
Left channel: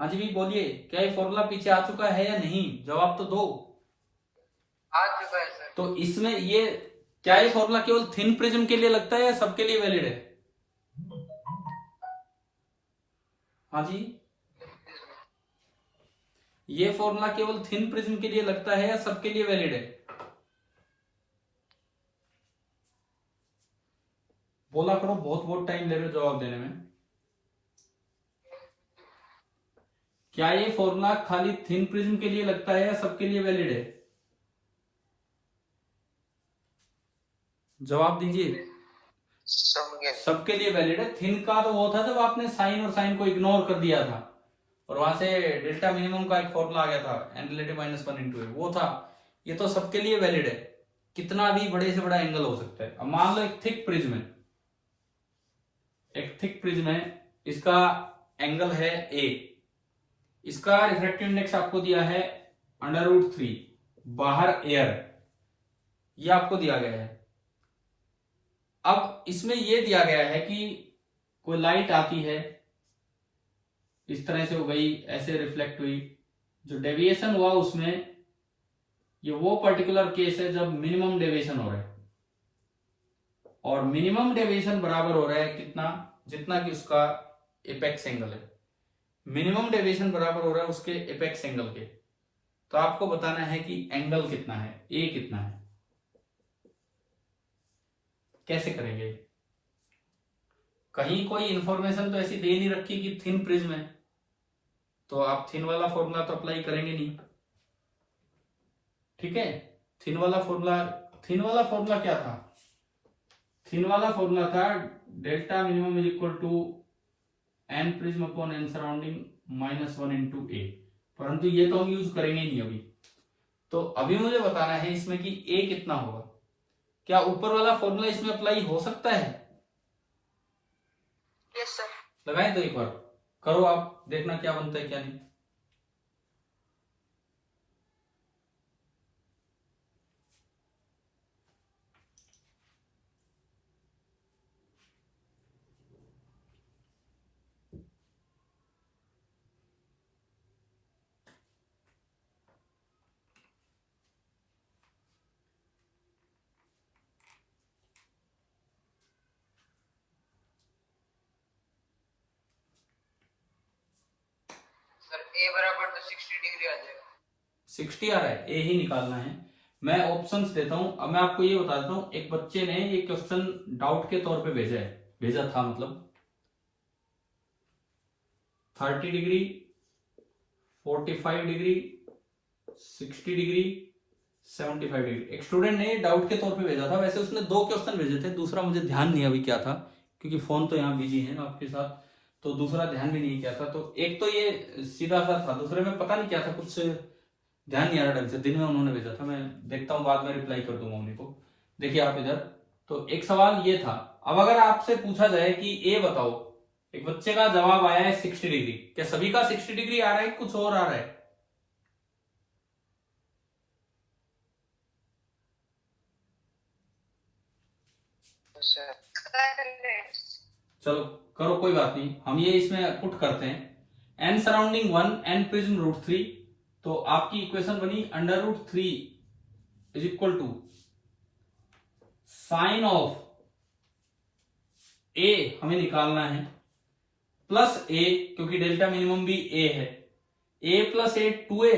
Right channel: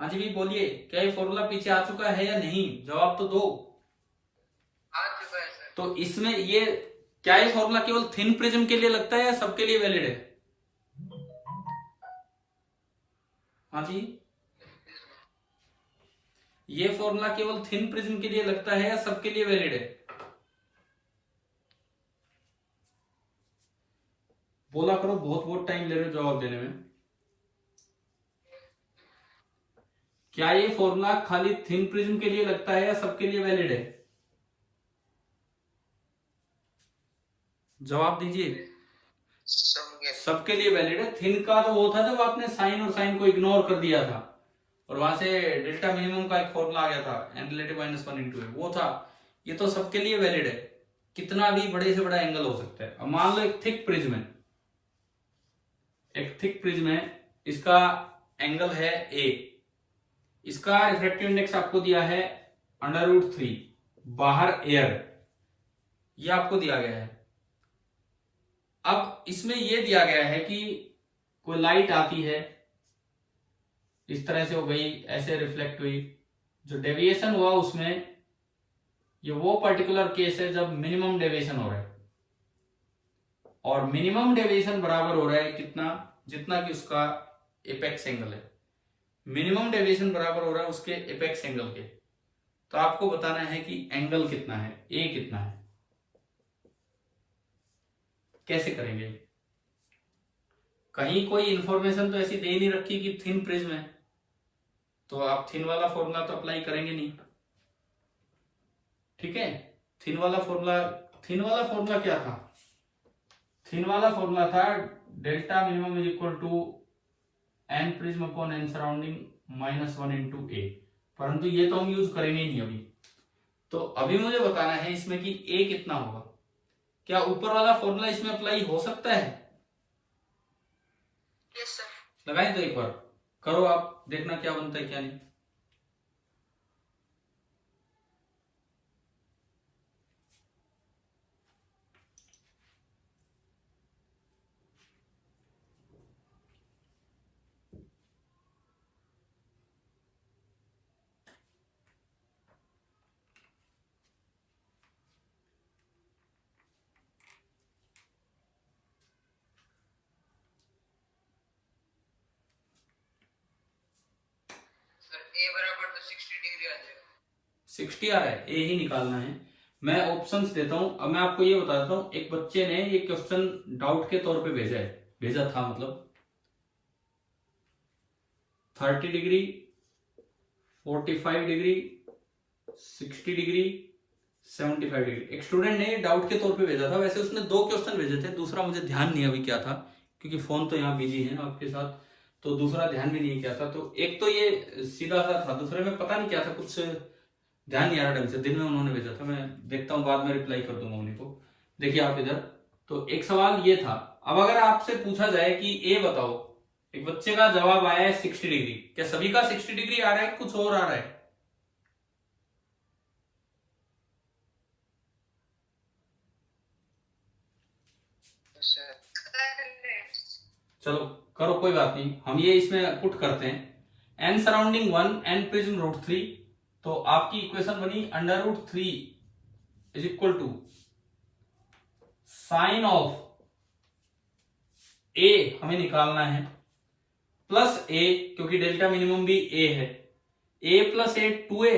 हाँ जी भी बोलिए, क्या ये फॉर्मूला पीछे आ चुका है या नहीं? जवाब तो दो। आ चुका है सर। तो इसमें ये क्या, ये फॉर्मूला केवल थिन प्रिज्म के लिए लगता है या सबके लिए वैलिड है? हाँ जी, ये फॉर्मूला केवल थिन प्रिज्म के लिए लगता है या सबके लिए वैलिड है? बोला करो, बहुत बहुत टाइम ले रहे हो जवाब देने में। क्या ये फॉर्मूला खाली थिन प्रिज्म के लिए लगता है या सबके लिए वैलिड है? जवाब दीजिए। सबके लिए वैलिड है। थिन का तो वो था जब आपने साइन और साइन को इग्नोर कर दिया था और वहां से डेल्टा मिनिमम का एक फॉर्मूला आ गया था, n रिलेटिव -1 इंटू ए, वो था। ये तो सबके लिए वैलिड है, कितना भी बड़े से बड़ा एंगल हो सकता है। अब मान लो एक थिक प्रिज्म है, एक थिक प्रिज्म है, इसका एंगल है ए, इसका रिफ्रैक्टिव इंडेक्स आपको दिया है √3, बाहर एयर, ये आपको दिया गया है। अब इसमें यह दिया गया है कि कोई लाइट आती है, इस तरह से हो गई, ऐसे रिफ्लेक्ट हुई, जो डेविएशन हुआ उसमें, ये वो पर्टिकुलर केस है जब मिनिमम डेविएशन हो रहा है, और मिनिमम डेविएशन बराबर हो रहा है कितना, जितना कि उसका एपेक्स एंगल है। मिनिमम डेविएशन बराबर हो रहा है उसके एपेक्स एंगल के। तो आपको बताना है कि एंगल कितना है, ए कितना है। कैसे करेंगे? कहीं कोई इंफॉर्मेशन तो ऐसी दे नहीं रखी कि थिन प्रिज्म है, तो आप थिन वाला फॉर्मूला तो अप्लाई करेंगे नहीं, ठीक है। थिन वाला फॉर्मूला क्या था? थिन वाला फॉर्मूला था delta minimum is equal to n prism upon n surrounding -1 into A, परंतु ये तो हम यूज करेंगे नहीं अभी। तो अभी मुझे बताना है इसमें कि a कितना होगा। क्या ऊपर वाला फॉर्मूला इसमें अप्लाई हो सकता है? Yes sir. लगाएं तो एक बार करो, आप देखना क्या बनता है क्या नहीं। सर ए बराबर तो 60 डिग्री आ जाएगा। 60 आ रहा है, ए ही निकालना है। मैं ऑप्शंस देता हूं। अब मैं आपको ये बताता हूं, एक बच्चे ने ये क्वेश्चन डाउट के तौर पे भेजा था, मतलब 30 डिग्री, 45 डिग्री, 60 डिग्री, 75 डिग्री। एक स्टूडेंट ने डाउट के तौर पे भेजा था, वैसे उसने 2 क्वेश्चन भेजे थे, दूसरा मुझे ध्यान नहीं अभी क्या था, क्योंकि फोन तो यहाँ बिजी है आपके साथ, तो दूसरा ध्यान भी नहीं क्या था। तो एक तो ये सीधा सा था, दूसरे में पता नहीं क्या था, कुछ ध्यान नहीं आ रहा ढंग से, दिन में उन्होंने भेजा था, मैं देखता हूँ बाद में रिप्लाई कर दूंगा उन्हीं को। देखिए आप इधर, तो एक सवाल ये था। अब अगर आपसे पूछा जाए कि ए बताओ, एक बच्चे का जवाब आया है 60 डिग्री, क्या सभी का 60 डिग्री आ रहा है, कुछ और आ रहा है? सर चलो करो, कोई बात नहीं, हम ये इसमें पुट करते हैं। N surrounding 1 N prism root 3, तो आपकी इक्वेशन बनी under root 3 is equal to sine of A हमें निकालना है, प्लस ए, क्योंकि डेल्टा मिनिमम भी ए है, ए plus A 2a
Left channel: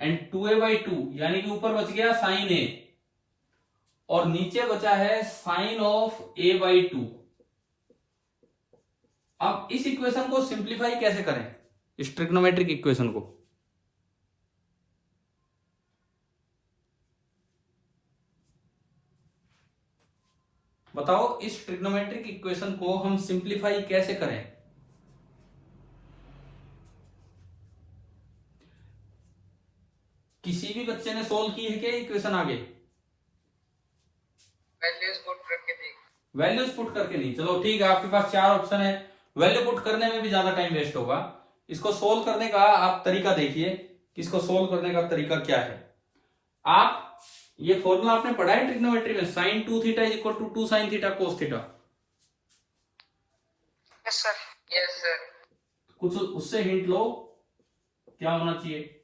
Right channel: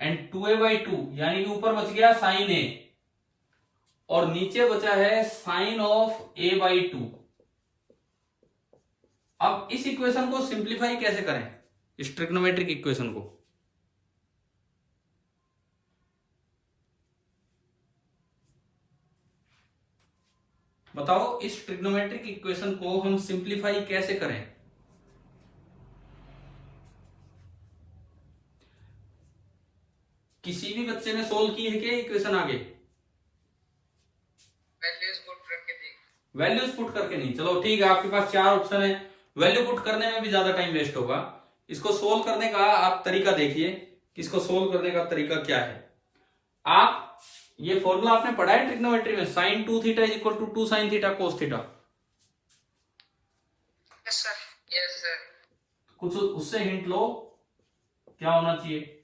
and 2a/2, यानी कि ऊपर बच गया साइन ए और नीचे बचा है साइन ऑफ a/2। अब इस इक्वेशन को सिंप्लीफाई कैसे करें, इस ट्रिग्नोमेट्रिक इक्वेशन को? बताओ, इस ट्रिग्नोमेट्रिक इक्वेशन को हम सिंप्लीफाई कैसे करें? किसी भी बच्चे ने सोल्व की है क्या इक्वेशन आगे? वैल्यूज पुट करके देख। वैल्यूज पुट करके नहीं, चलो ठीक है, आपके पास 4 ऑप्शन है, वैल्यू पुट करने में भी ज्यादा टाइम वेस्ट होगा। इसको सोल्व करने का आप तरीका देखिए कि इसको सोल्व करने का तरीका क्या है। आप ये फॉर्मूला आपने पढ़ा है ट्रिग्नोमेट्री में, sine 2 theta is equal to 2 sine theta cos theta. Yes sir. Yes sir. कुछ उससे हिंट लो क्या होना चाहिए।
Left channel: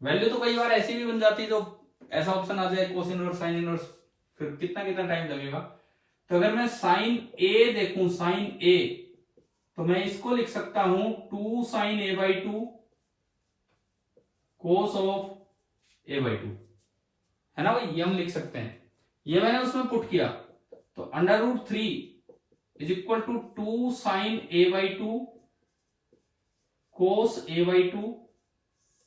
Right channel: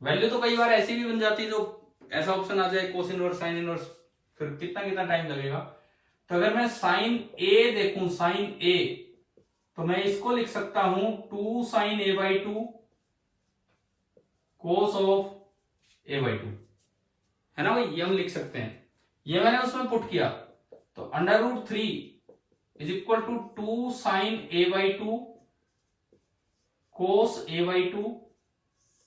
वैल्यू तो कई बार ऐसी भी बन जाती है, तो ऐसा ऑप्शन आ जाए कोस इनवर्स साइन इनवर्स, फिर कितना कितना टाइम लगेगा। तो अगर मैं साइन ए देखूं, साइन ए, तो मैं इसको लिख सकता हूं 2 sine a/2 cos of a/2, है ना भाई, ये हम लिख सकते हैं। ये मैंने उसमें पुट किया, तो under root 3 is equal to 2 sine a/2 cos a/2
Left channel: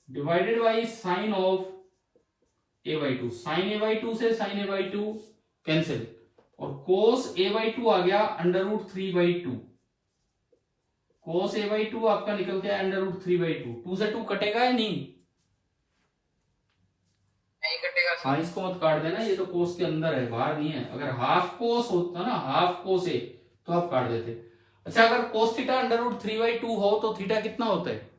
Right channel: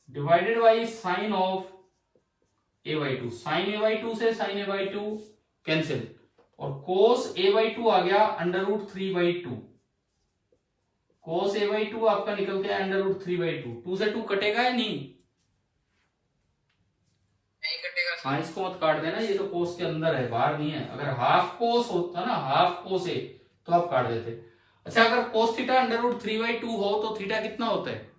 divided by sine of a/2। Sine a/2 से साइन a/2 कैंसिल, और कोस a/2 आ गया अंडर रूट 3/2। कोस a/2 आपका निकल गया अंडर रूट 3/2। 2 से 2 कटेगा या नहीं? नहीं कटेगा सर। हाँ, इसको मत काट देना, ये तो कोस के अंदर है, बाहर नहीं है। अगर हाफ कोस होता ना, हाफ कोस ए, तो आप काट देते। अच्छा, अगर कोस थीटा अंडर रूट 3/2 हो तो थीटा कितना होता है?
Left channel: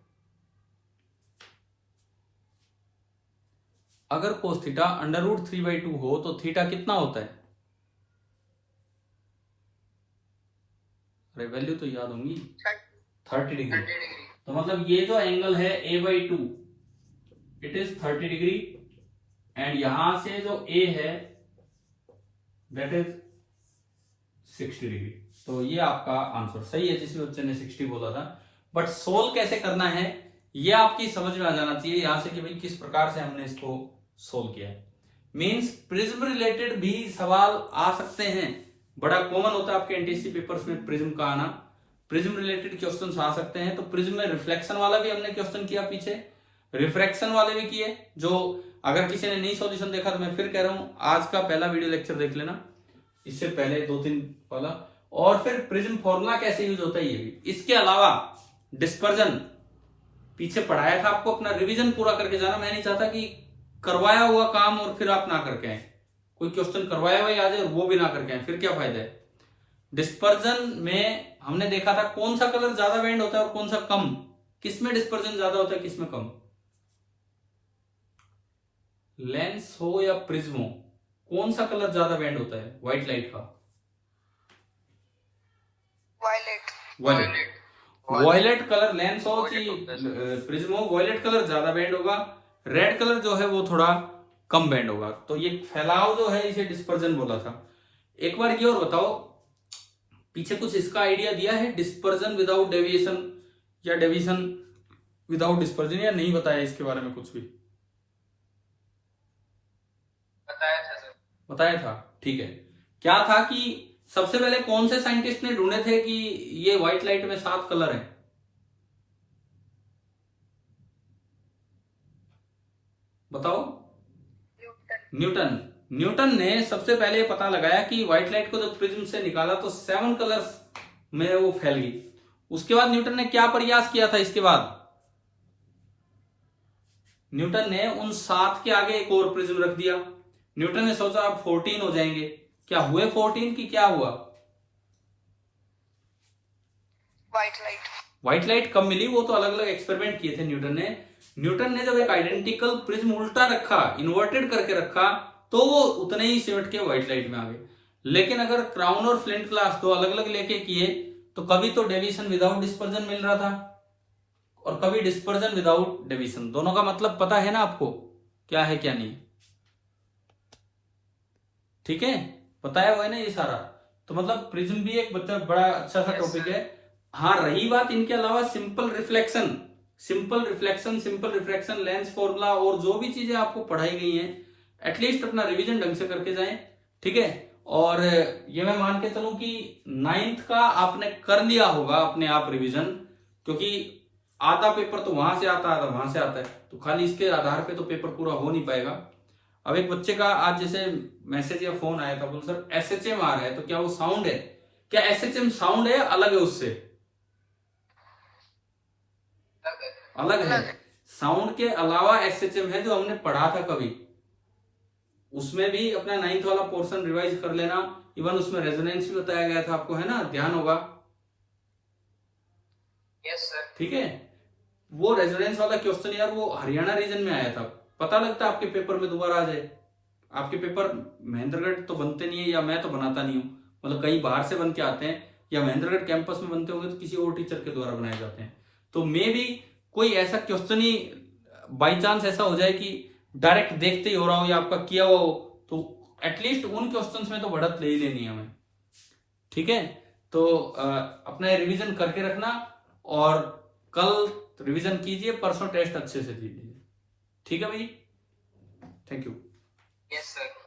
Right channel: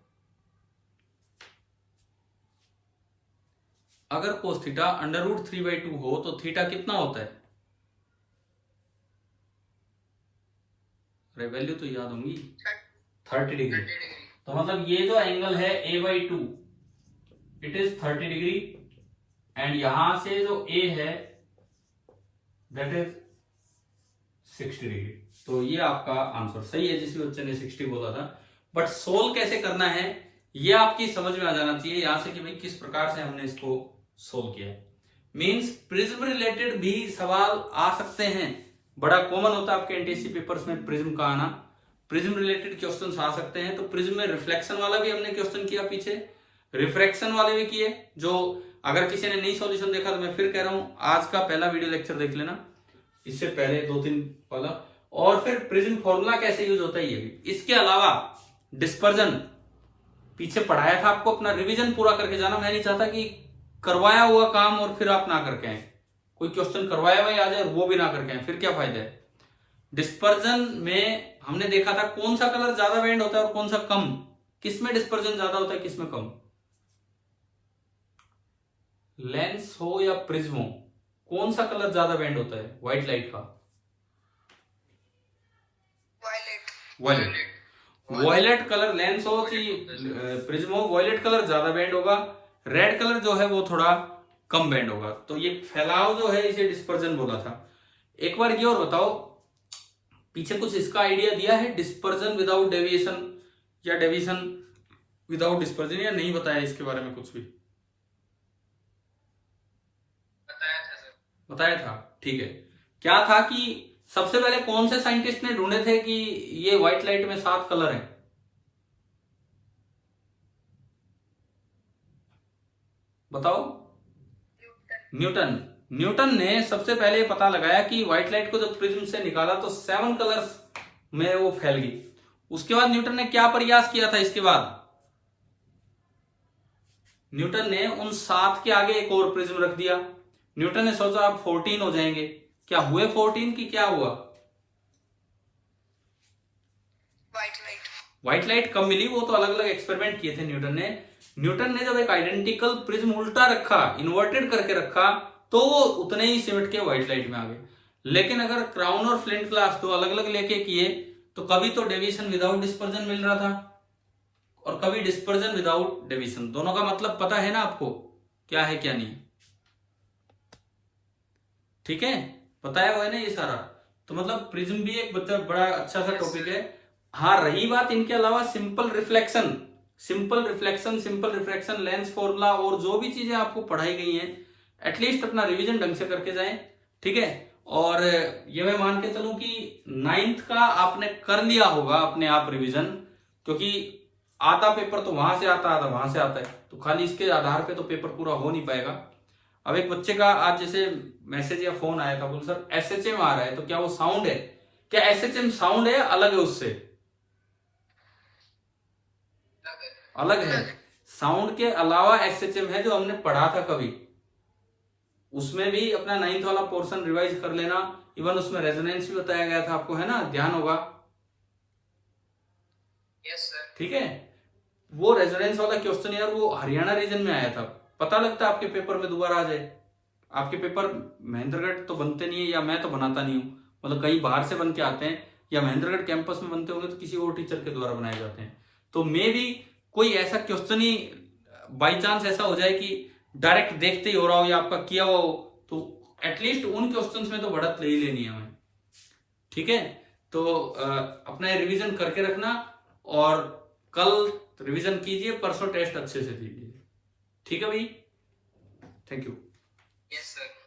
अगर कोस थीटा अंडर रूट 3/2 हो तो थीटा कितना होता है? अरे वैल्यू तो याद होंगी, 30 डिग्री। तो मतलब ये जो एंगल है a/2, it is 30 degree, and यहां से जो a है दैट इज 60 डिग्री। तो ये आपका आंसर सही है, जिस बच्चे ने 60 बोला था। बट सोल्व कैसे करना है ये आपकी समझ में आ जाना चाहिए यहां से, कि भाई किस प्रकार से हमने इसको सोल्व किया है। मींस प्रिज्म रिलेटेड भी सवाल आ सकते हैं, बड़ा कॉमन होता है आपके एनटीएससी पेपर्स में प्रिज्म का आना। प्रिज्म रिलेटेड क्वेश्चंस आ सकते हैं। तो प्रिज्म में रिफ्लेक्शन वाला भी हमने क्वेश्चन किया पीछे, रिफ्रैक्शन वाले भी किए। जो अगर किसी ने नहीं सॉल्यूशन देखा तो मैं फिर कह रहा हूं, आज का पहला वीडियो लेक्चर देख लेना, इससे पहले 2-3 वाला। और फिर प्रिज्म फॉर्मूला कैसे यूज होता है ये भी। इसके अलावा डिस्पर्जन पीछे पढ़ाया था आपको, अपना रिवीजन पूरा करके जाना। मैं नहीं चाहता कि करवाया हुआ काम और फिर आप ना करके आए, कोई क्वेश्चन करवाया हुआ आ जाए और वो भी ना करके आए, फिर क्या फायदा है। डिस्पर्जन में हमने देखा था कौन सा कलर ज्यादा बेंड होता है और कौन सा कम, किसमें डिस्पर्जन ज्यादा होता है किसमें कम। लेंस हो या प्रिज्म हो, कौन सा कलर ज्यादा बेंड होता है व्हाइट लाइट का? वायलेट। वायलेट कलर लेंस हो चाहे प्रिज्म हो, वायलेट कलर ज्यादा बेंड होगा, रेड कलर जो है वो थोड़ा कम बेंड होगा। तो ये फैलाव जो है इसे डिस्पर्जन बोला था। एक बार ये और बताओ, पीछे कुछ इसका आइडिया दिया है, डिस्पर्जन विदाउट डेविएशन या डेविएशन विदाउट डिस्पर्जन, या नहीं बताया इसके बारे में कुछ भी? बताया था सर। बताया था, ठीक है। क्या था कि सबसे पहले कौन से साइंटिस्ट ने ढूंढे थे कि ये व्हाइट लाइट में 7 कलर हैं? बताओ। न्यूटन। न्यूटन ने सबसे पहले पता लगाया कि व्हाइट लाइट को जब प्रिज्म से निकाला तो 7 कलर्स में वो फैल गई। उसके बाद न्यूटन ने क्या प्रयास किया था? इसके बाद न्यूटन ने उन 7 के आगे एक और प्रिज्म रख दिया। न्यूटन ने सोचा अब 14 हो जाएंगे। क्या हुए 14 की क्या हुआ? व्हाइट लाइट कम मिली। वो तो अलग अलग एक्सपेरिमेंट किए थे न्यूटन ने। न्यूटन ने जब एक आइडेंटिकल प्रिज्म उल्टा रखा, इन्वर्टेड करके रखा, तो वो उतने ही सिमट के व्हाइट लाइट में आ गए। लेकिन अगर क्राउन और फ्लिंट क्लास दो अलग अलग लेके किए तो कभी तो डेविएशन विदाउट डिस्पर्जन मिल रहा था और कभी डिस्पर्जन विदाउट डेविएशन। दोनों का मतलब पता है ना आपको, क्या है क्या नहीं? ठीक है, पता है वो है ना ये सारा। तो मतलब प्रिज्म भी एक बड़ा अच्छा सा टॉपिक है। हाँ, रही बात इनके अलावा सिंपल रिफ्लेक्शन, लेंस फॉर्मूला और जो भी चीजें आपको पढ़ाई गई हैं, एटलीस्ट अपना रिवीजन ढंग से करके जाएं। ठीक है, और ये मैं मान के चलूं कि 9th का आपने कर लिया होगा अपने आप रिवीजन, क्योंकि आधा पेपर तो वहां से आता है, आधा वहां से आता है, तो खाली इसके आधार पे तो पेपर पूरा हो नहीं पाएगा। अब एक बच्चे का आज जैसे मैसेज या फोन आया था, बोल सर एसएचएम आ रहा है, तो क्या वो साउंड है? क्या एसएचएम साउंड है? अलग है उससे, अलग है। साउंड के अलावा एसएचएम है जो हमने पढ़ा था कभी, उसमें भी अपना 9th वाला पोर्शन रिवाइज कर लेना। इवन उसमें रेजोनेंस भी बताया गया था आपको, है ना? ध्यान होगा। Yes sir. ठीक है, वो रेजोनेंस वाला क्वेश्चन यार वो हरियाणा रीजन में आया था। पता लगता आपके पेपर में दोबारा आ जाए। आपके पेपर महेंद्रगढ़ तो बनते नहीं है, या मैं तो बनाता नहीं हूँ, मतलब कहीं बाहर से बन के आते हैं, या महेंद्रगढ़ कैंपस में बनते होंगे तो किसी और टीचर के द्वारा बनाए जाते हैं। तो मे भी कोई ऐसा क्वेश्चन ही बाई चांस ऐसा हो जाए कि डायरेक्ट देखते ही हो रहा हो या आपका किया हुआ हो, तो एटलीस्ट उन क्वेश्चंस में तो बढ़त ले ही लेनी है हमें। ठीक है, तो अपना रिवीजन करके रखना और कल रिवीजन कीजिए, परसों टेस्ट अच्छे से दीजिए। ठीक है भाई, थैंक यू। Yes sir.